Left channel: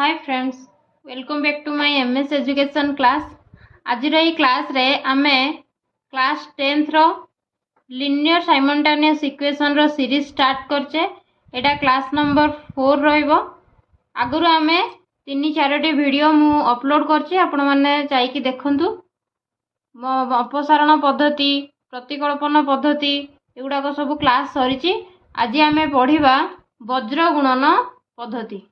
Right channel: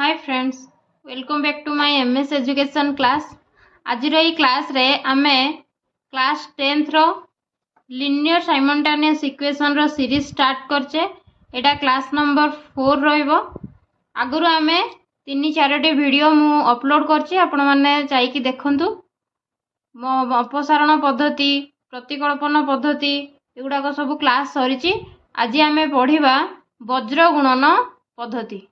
Hi friends, welcome back to my MS education class. आज class रे आमे class 10th रो लिनियर साइमल्टेनियस इक्वेशन रो सीरीज स्टार्ट करचे। एटा क्लास नंबर 4 रहइबो। आगुरु आमे 3-4टी वीडियो मु अपलोड करची, आपण माने चाइकी देखंतु। अपसारण पद्धति, प्रतिकल्पन पद्धति एगुडा को सब क्लास सरीची। आज आमे पढ़िबा वज्र गुणन पद्धति।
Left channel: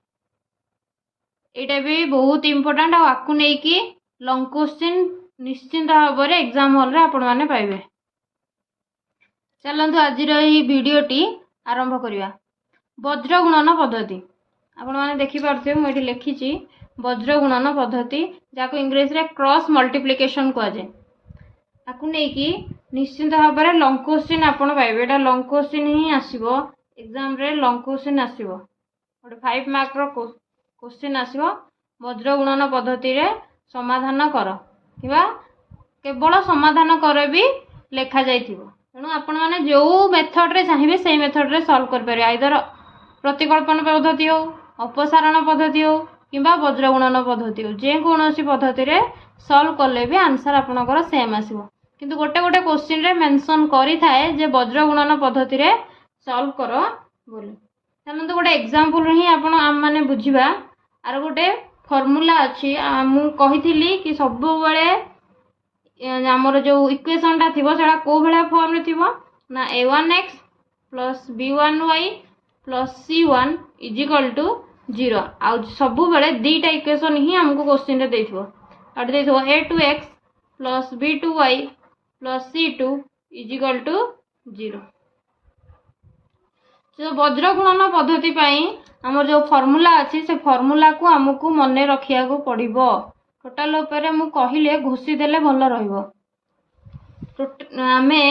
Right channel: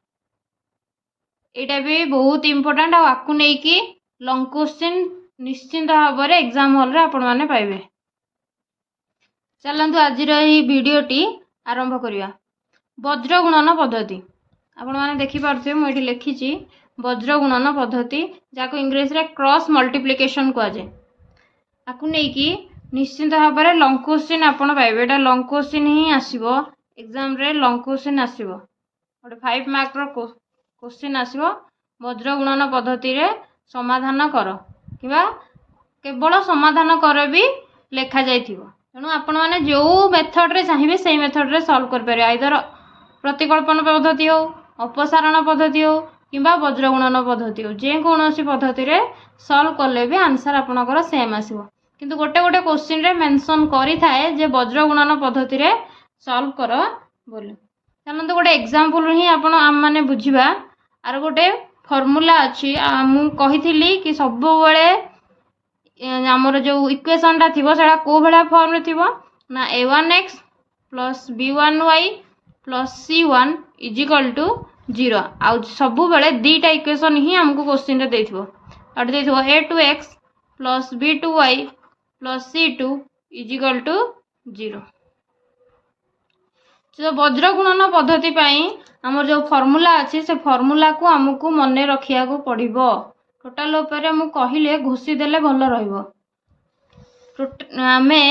एटा भी बहुत इंपोर्टेंट आपको नहीं कि लॉन्ग क्वेश्चन निश्चिंत भाव में एग्जाम हॉल रे आपण माने पाइबे। चलंतु आज वीडियोटी आरंभ करिया। वज्र गुणन पद्धति आपण माने देखि पारथे, मु एठी लिखिची वज्र गुणन पद्धति, जाको इंग्लिश रे क्रॉस मल्टीप्लिकेशन कहा जाय। आपको नहीं कि निश्चिंत भाव में लॉन्ग क्वेश्चन आपण पाइबे। एटा लॉन्ग क्वेश्चन ही आसीबो एग्जाम रे। लॉन्ग क्वेश्चन आसीबो गोटे 5 मार्क रो क्वेश्चन आसीबो। वज्र गुणन पद्धति रे समाधान कर किबा केवल समाधान कर भी लेखा जाइथिबो। तेणु आपण माने जो मेथड रे चाहिए से मेथड रे सॉल्व कर पारे। आइदर प्रतिकल्पन पद्धति हो, अपसारण पद्धति हो किबा वज्र गुणन पद्धति हो, जे कोनोसी पद्धति रे सॉल्व करले भी आंसर आपनकर सेम आसीबो। किंतु गोटे गोटे क्वेश्चन रे मेंशन करि थाए जे वज्र गुणन पद्धति रे सॉल्व कर बोली। तनंत गोटे एग्जांपल ही आपण आम माने बुझिबा। आर गोटे फॉर्मूला अच्छी मु कही कि सब बेले आमर जो इक्वेशन टा थिबो सेटा को भला फॉर्म रे थिबो ना a1x plus b1y plus c1 is equal to 0। आ सब बेले दीटा इक्वेशन ही हमको क्वेश्चन रे देथिबो। अट देथिबो a2x plus b2y plus c2 is equal to 0। जो वज्र गुणन पद्धति पाई आमर जो फॉर्मूला अच्छी से फॉर्मूला को आमको मन रखिया को पड़िबो। टोटाल ऊपर मु कहिले घोषी देले भल रहइबो। आमे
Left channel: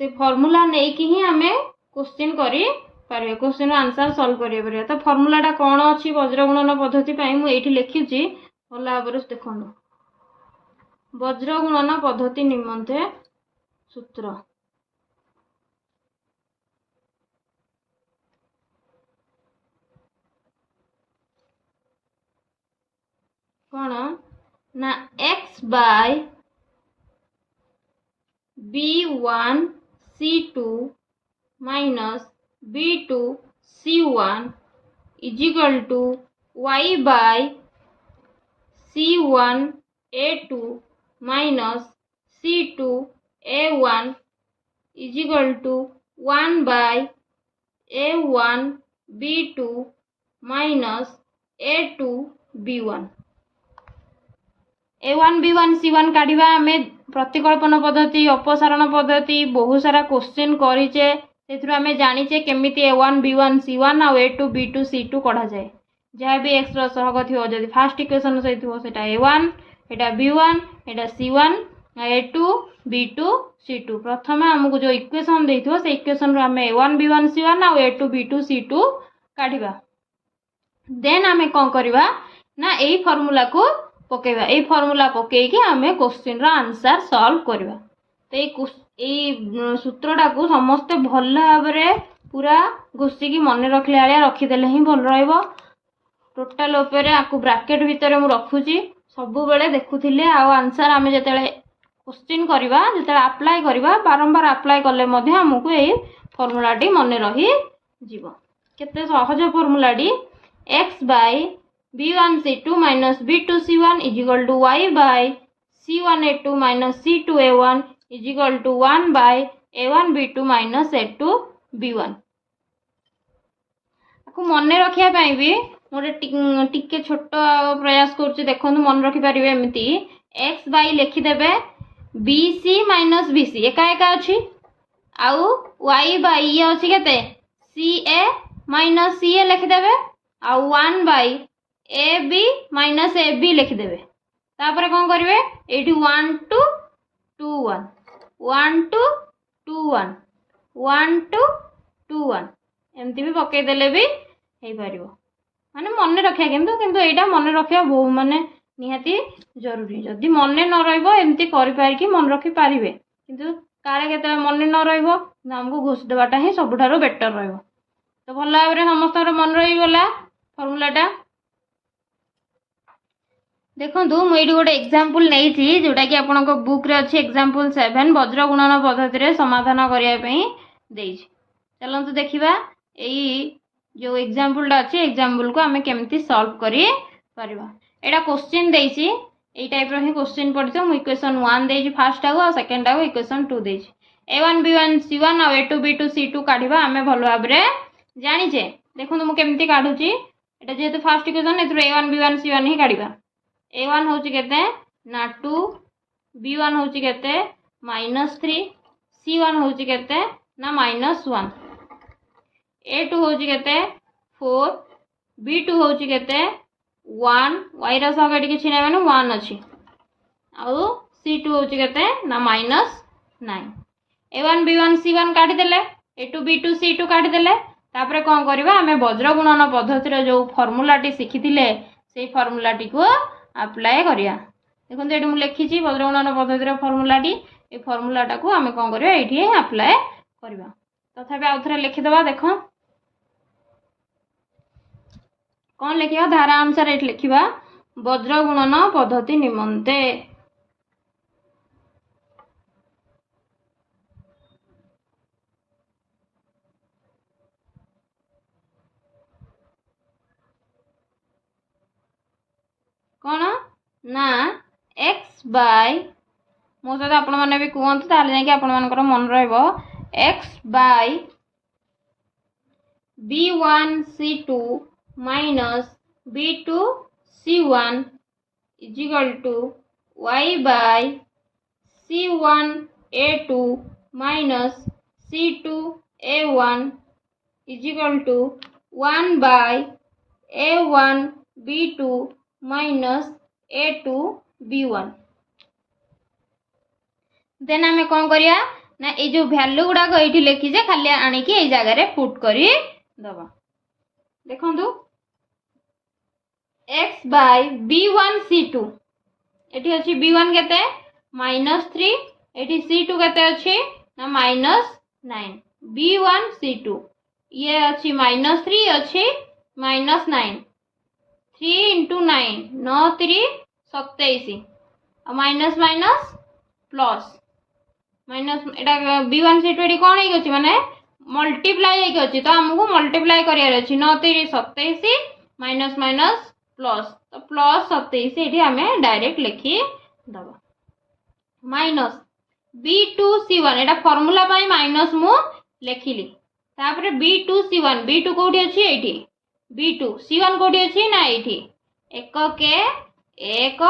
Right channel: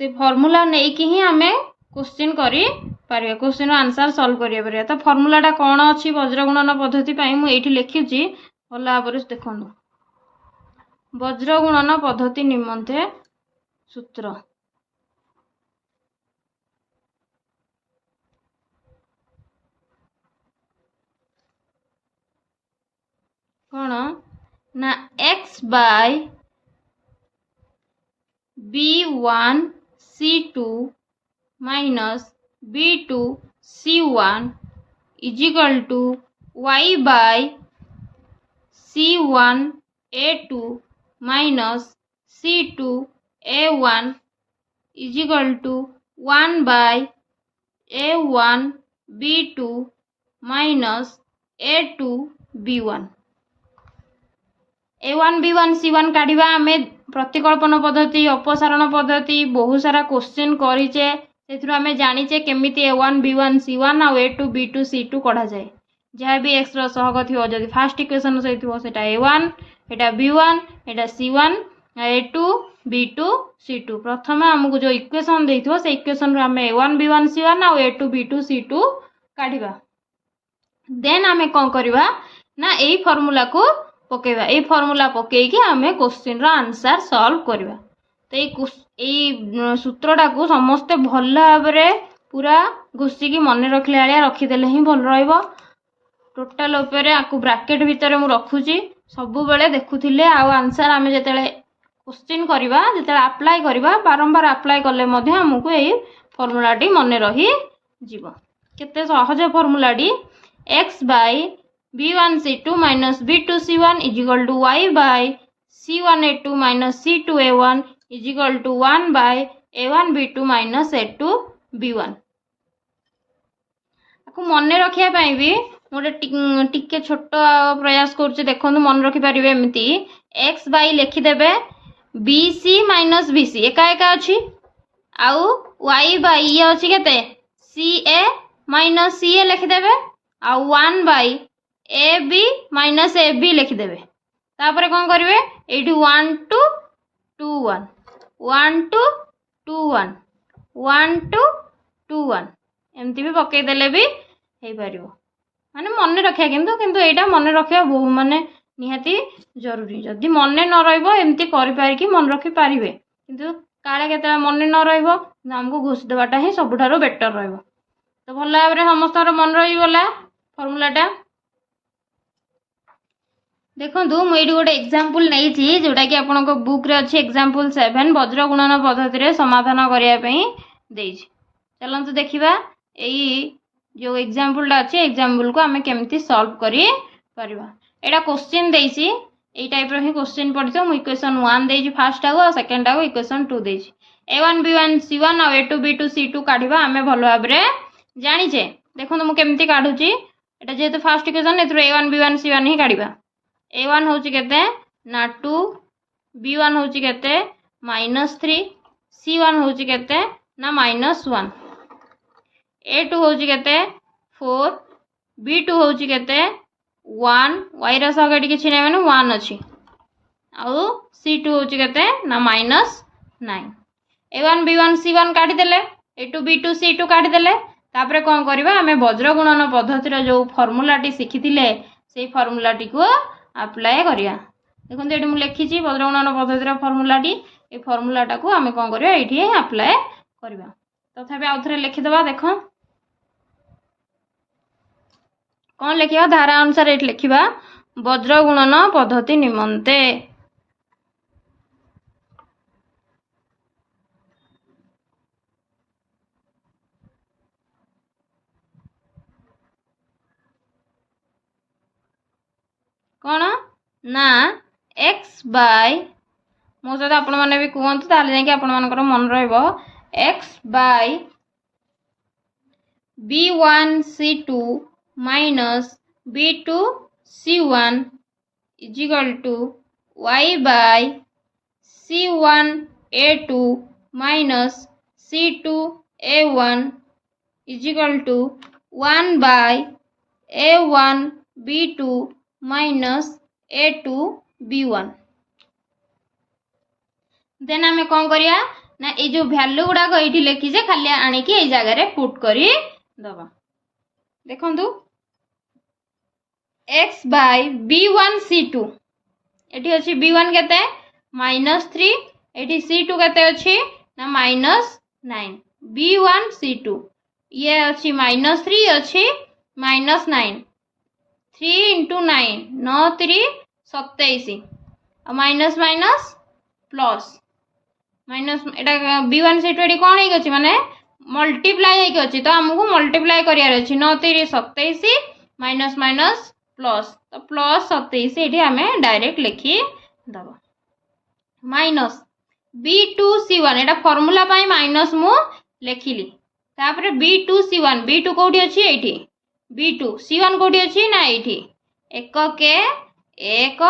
से फॉर्मूला नहीं कि ही आमे क्वेश्चन करी पारे, क्वेश्चन आंसर सॉल्व करिया पारे। तो फॉर्मूला टा कोन अछि वज्र गुणन पद्धति पाई मु एठी लिखिछि भल भाबरे देखंतु। वज्र गुणन पद्धति निमंते सूत्र कौन ना x by b1 c2 minus b2 c1 is equal to y by c1 a2 minus c2 a1 is equal to 1 by a1 b2 minus a2 b1। a1 b1 c1 काढ़ा आमे प्रतिकल्पन पद्धति, अपसारण पद्धति बहुत सारा क्वेश्चन करिचे। सेथुर आमे जानिचे केमिति a1 b1 c1 आ a2 b2 c2 कढा जाय। जहाँ भी x रो सहग थियो जदि फर्स्ट इक्वेशन से थियो सेटा a1 एटा b1 एटा c1 a2 b2 c2। प्रथम हमकु जो इक्वेशन देथियो से इक्वेशन रो आमे a1 b1 c1 आ a2 b2 c2 काढिबा। देन आमे कोन करबा ना एई फार्मूला को पकेबा। ए फार्मूला पके कि आमे क्वेश्चन रो आंसर सॉल्व करबा। तो ए सूत्रटा को समस्त भल भाबरे पूरा घुसी की मन रखले आलिया रखिदेले ही भल रहइबो। टोटल ऊपर आकु ब्रैकेट भीतर मु रखुची सब बेले देखुथिले। आ आंसर आमे जेतेले क्वेश्चन करबा जेतेले अप्लाई करबा बारंबार अप्लाई करले मध्ये हमकु ए फार्मूला टी मन रही जीवो। केते सहज फार्मूला टी x by b1 c2 minus b2 c1 is equal to y by c1 a2 minus c2 a1 is equal to 1 by a1 b2 minus a2 b1। आपको मन रखिया पाई भी मोटे टिके छोट प्रयास करछि। देखंतु मन रखि परिबे एमिति x बाय लिखि देबे bc माइनस bc एका एका अछि आउ y बाय ये अछि केते ca माइनस ca लिखि देबे आउ 1 by A B minus A B लिखिदेवे। तापर कौन करेंगे ये 1 2 2 1 1 2 2 1 1 2 2 1 एमती भी पकई देले भी हो पार माने मन रखिया। किंतु किंतु एटा मन रखिया बहुत माने निहाती जरूरी। जदि मन न रहिबो एमती करि पारि कि मन रखि पारिबे। किंतु काले केते मन न रहिबो हमको घोष देबाटा ही सबुठारो बेटर रहिबो। तो भल भाबरे समस्त मन रही गला फॉर्मूलाटा। देखो मुझे गोटे एग्जांपल नहीं जोटा कि आपण बुक रे अच्छी एग्जांपल 7 वज्र गुणन पद्धति रे समाधान करने चलते देखा यही जो एग्जांपल अच्छी एग्जांपल को आम केमती सॉल्व करी परबा। एटा क्वेश्चन देसी ए टाइप रो ही क्वेश्चन पढ़ितो मु इक्वेशन 1 देजी फर्स्ट टाको और सेकंड टाको इक्वेशन 2 देजी a1 b1 c1 और a2 b2 c2 काढिबा आमे भलो भाबरे जानिचे। देखो मु केमती काढुची एटा जेहेतु first equation एथरो a1 b1 c1 ही काढिबा। a1 होची केते ना 2 b1 होची केते -3 c1 होची केते ना -1 a2 होची केते 4 b2 होची केते 1 y रा सगडी किछि नै माने 1 अछि आउ c2 होची केते ना -9 a1 b1 c1 काढी देले a2 b2 c2 काढी देले तापरे कोन करबा हमें वज्र गुणन पद्धति रो जो फार्मूला टी सिखिथिले सेही फार्मूला टी को अप्लाई करिया। देखो ये मुझे लिखी वज्र गुणन पद्धति रो फार्मूला टी ए फार्मूला टा को आमे कोन करिया एठी अप्लाई करबा। तथापि आउ थरे लिखि दबा। देखो कौन लिखिया धारा अनुसार एठी लिखिबा वज्र गुणन पद्धति निमंते कौन ना x बाय मो सहित आपण मैंने भी कहतु ताले जाकि आपण मानकर मन रहिबो x by b1 c2 minus b2 c1 is equal to y by c1 a2 minus c2 a1 is equal to 1 by a1 b2 minus a2 b1। Then आमे कौन करिया ना ए जो वैल्यू गुडा को एठी लिखि जे खाली आनी कि ए जगह रे पुट करी दबा। देखंतु x बाय b1 c2 एठी अछि b1 केते -3 एठी c2 केते अछि ना -9 b1 c2 ये अछि -3 अछि -9 3 into 9 9 3 27 minus minus plus minus एटा b1 c2 एडी कोन हेइ गछि माने मल्टीप्लाई हेइ गछि तो हमहु मल्टीप्लाई करियार अछि 9 3 27 माइनस माइनस प्लस तो प्लस 27 एठी हमें डायरेक्ट लिखि दबा माइनस b2 c1 एटा फार्मूला पई माइनस मु लिखिली तापर b2 c1 b2 कोठी अछि एठी b2 c1 कोठी अछि ना एठी एक के एक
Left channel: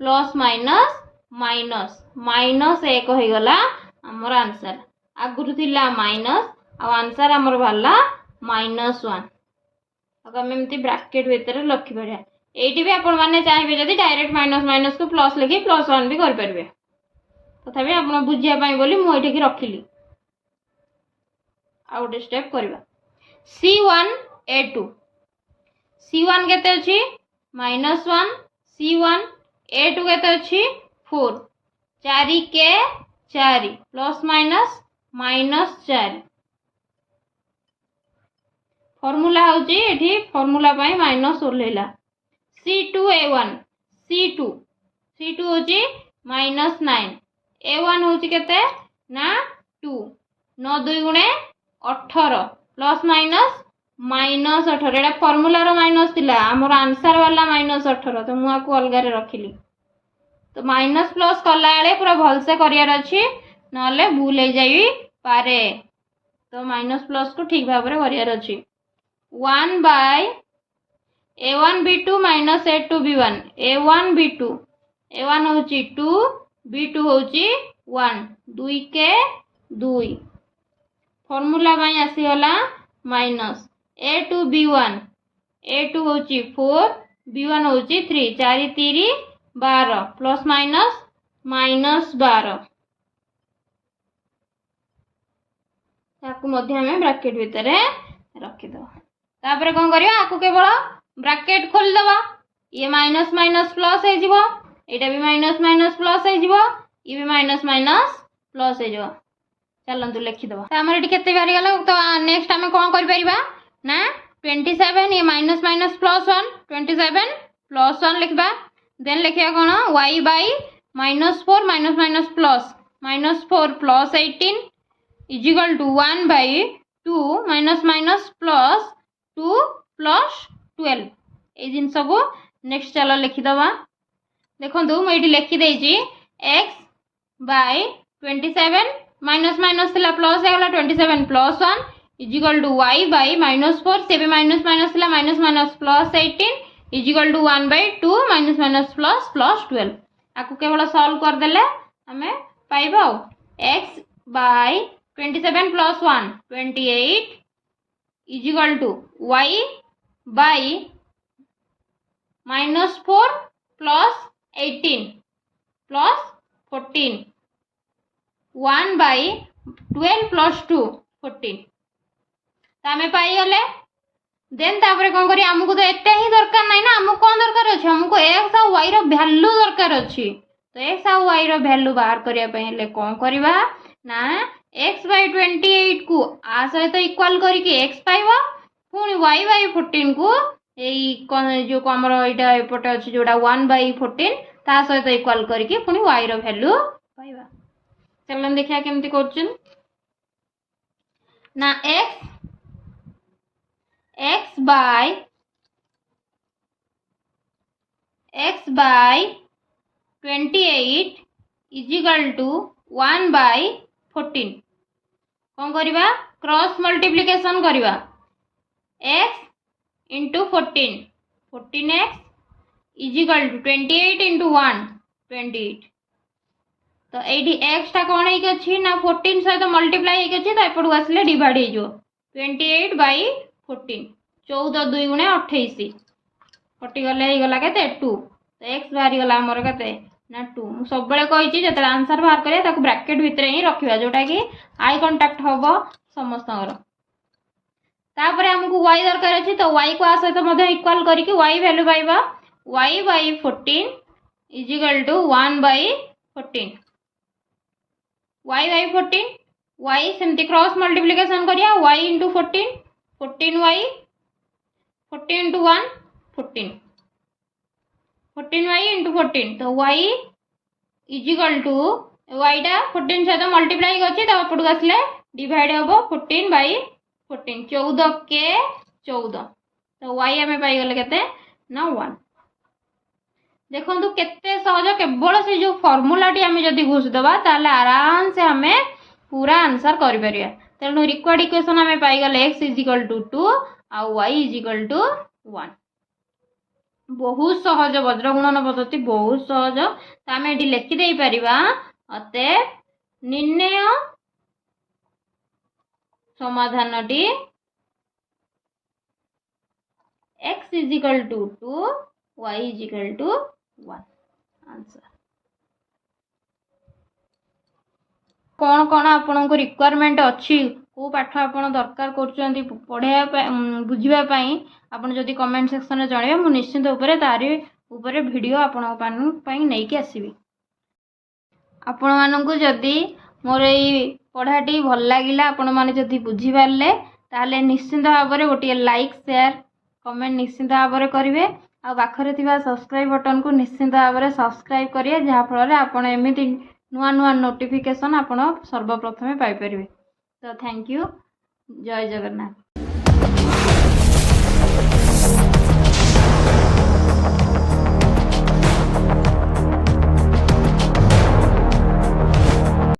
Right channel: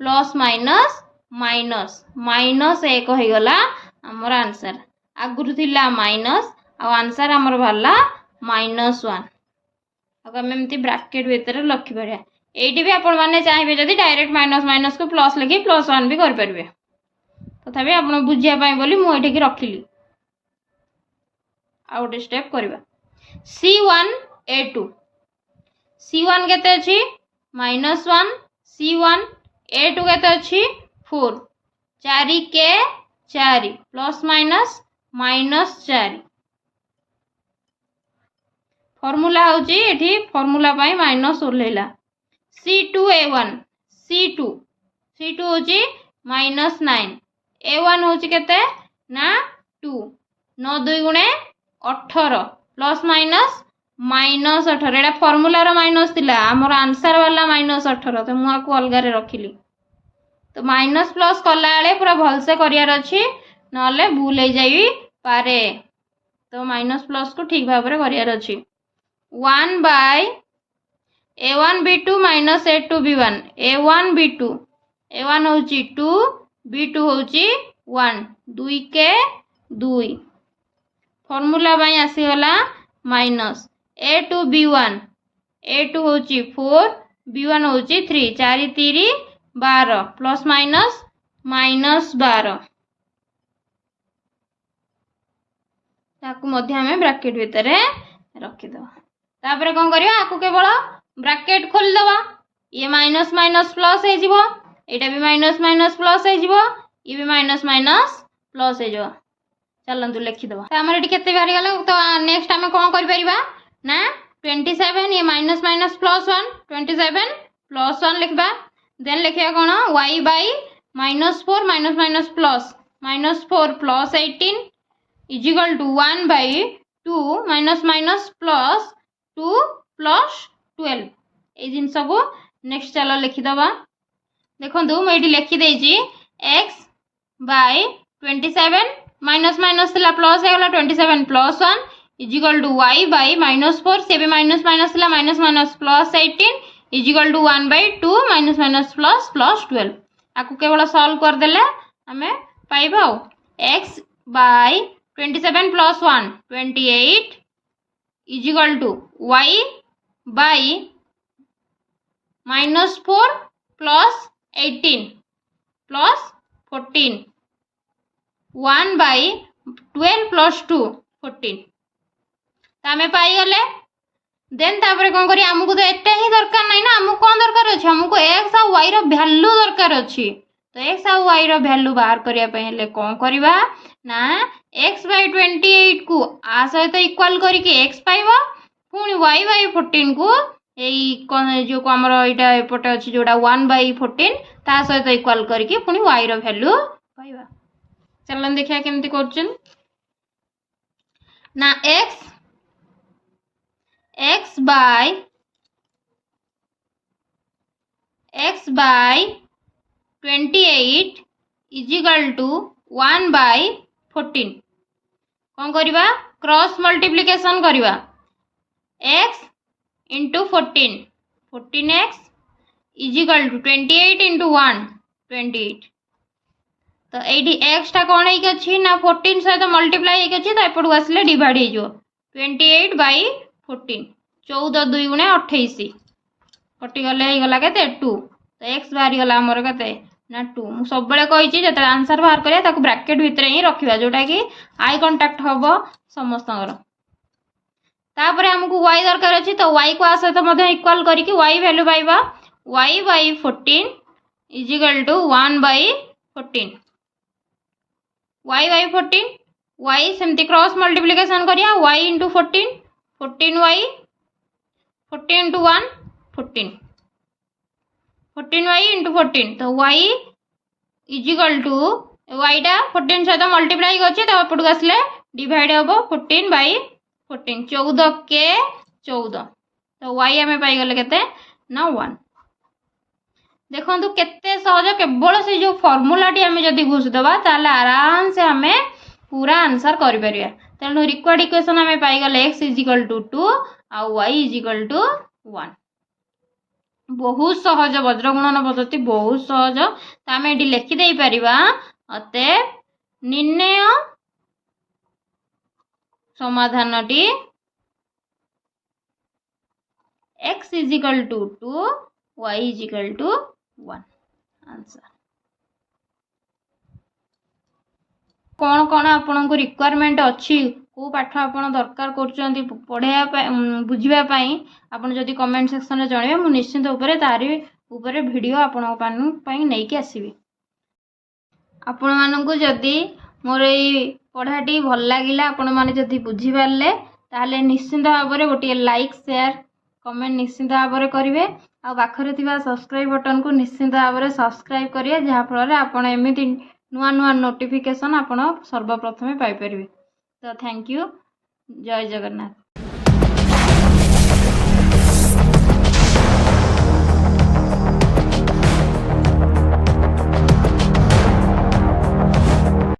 प्लस माइनस माइनस माइनस एक हो गला हमर आंसर आगुरु थिला माइनस आ आंसर हमर भला -1 अब हम एमती ब्रैकेट भीतर लिखि परिया एठी भी आपण माने चाहिबे जदी डायरेक्ट माइनस माइनस को प्लस लिखि +1 भी कर परबे तथापि आपण बुझिया पाई बोली मु एठी की रखिली आउट स्टेप करबा c1 a2 c1 केते अछि -1 c1 a2 केते अछि 4 4 के 4 प्लस माइनस -4 फार्मूला होची एठी formula pi minus ओलेला c2 a1 c2 होची -9 a1 होची केते ना 2 9 2 गुणे 18 प्लस माइनस -18 एटा फार्मूला रो माइनस थिला हमर आंसर वाला -18 तो मु आको अलगा रे रखिली तो माइनस प्लस कला आले पूरा भल से करियार अछि नले भूल हे जाई पारे तो माइनस प्लस को ठीक भाबरे करियार अछि 1 by a1 b2 minus a2 b1 a1 b2 a1 होची 2 b2 होची 1 2 के 2 फार्मूला बाई आसी गला माइनस a2 b1 a2 होची 4 b1 होची 3 4 3 12 प्लस माइनस -12 ताकू मध्य हमें ब्रैकेट भीतर रखि दो तापर कोन करिया आकू केवल ब्रैकेट खोल दबा ये माइनस माइनस प्लस हे जिवो एटा भी माइनस माइनस प्लस हे जिवो ये भी माइनस माइनस प्लस हे जिवो चलंतु लिखि दबा त हमर एटी केते बारी गेला तो नेक्स्ट हमें कोन करि परिबा ना 27 ये माइनस माइनस +1 27 +1 लिखबा देन लिखिया कौन y by -4 minus minus plus -4 plus 18 is equal to 1 by 2 minus minus plus 2 plus 12 ये जिनस को नेक्स्ट चलो लिखिदबा देखो मुझे लिखिदे x by 27 minus minus plus है 27 plus 1 is equal to y by -4 से भी minus minus minus minus plus 18 is equal to 1 by 2 minus minus plus plus 12 आपको केवल सॉल्व करदेले आम पाइबा x by 27 plus 1 28 is equal to y by -4 plus 18 plus 14 1 by 12 plus 2 14 आम पाईगले then तापर कौन करी आमको तो एटा ही दरकार नहीं ना आमको कौन दरकार अच्छे आमको एक्स आ वाई वैल्यू दरकार अच्छी तो एक्स आ वाई वैल्यू बाहर करने कौन करवा ना एक्स बाई 28 को आ सहित इक्वाल करके एक्स पाइब पुणी वाई बाई 14 को यही जो आमर यहाँ एपटे अच्छे जोड़ा 1 बाई 14 ता सहित इक्वाल करके पुणी वाई वैल्यू पाइबा चलन देखिया केमती कर ना x by 28 is equal to 1 by 14 कौन करवा क्रॉस मल्टीप्लिकेशन करवा x into 14x is equal to 28 into 1 28 तो ये x टा कौन है ना 14 सहित मल्टीप्लाई तो एपटू आसले डिवाइड हो 28 बाई 14 14 2 गुणे 28 कटिगले गला के 2 तो एक्स बाहरी गला आमर के ना 2 मुझे सब कही जो आंसर बाहर करा ब्राकेट भितर ही रखा जोटा कि आई कंटाक्ट हम समस्त आमको y दरकार अच्छी तो y को आ सहित इक्वाल करके y वैल्यू पाइबा y by 14 is equal to 1 by 14 y by 14 y सेमती क्रॉस मल्टीप्लिकेशन करिया y into 14 14y 14 into 1 14 14y into 14 तो y is equal to y टा 14 सहित मल्टीप्लाई करछि तो एपटू आसले डिवाइड हम 14 बाई 14 14 के 14 तो y आम पाईगले केते ना 1 देखो केते सहज केवल से जो फॉर्मूला टी आम जदि घुषिदेबा ताले आराम से आम पूरा आंसर कर परिया तेणु रिक्वायर्ड इक्वेशन आम पाईगले x इज इक्वल टू 2 आ y इज इक्वल टू 1 बहुत सहज वज्रगुणन पद्धति बहुत सहज तो आम ये लिखिदे पारिबा अतएव निर्णय समाधानटी x is equal to 2 y is equal to 1 answer कौन कौन आपण को रिक्वायरमेंट अच्छी को पाठ आपण दरकार कर पढ़ाया बुझापी आपड़ जदि कमेंट सेक्शन में जनइबे मु निश्चिंत उपरे तारी उपरे वीडियो आपण नहीं कि आसबि आपण मानू जदि मोर ये पढ़ाटी भल लगिला आपण मैंने जदि बुझीपारे ताहले निश्चिंत भाव में गोटे लाइक शेयर कमेंट निश्चिंत भाव में करेंगे आ पाखरे थिबा सब्सक्राइब बटन को निश्चिंत भाव में सब्सक्राइब करेंगे जहाँफल आपण एमती नुआ नुआ नोटिफिकेशन आपण सर्वप्रथमे पाई परिबे तो थैंक यू जय जगन्नाथ।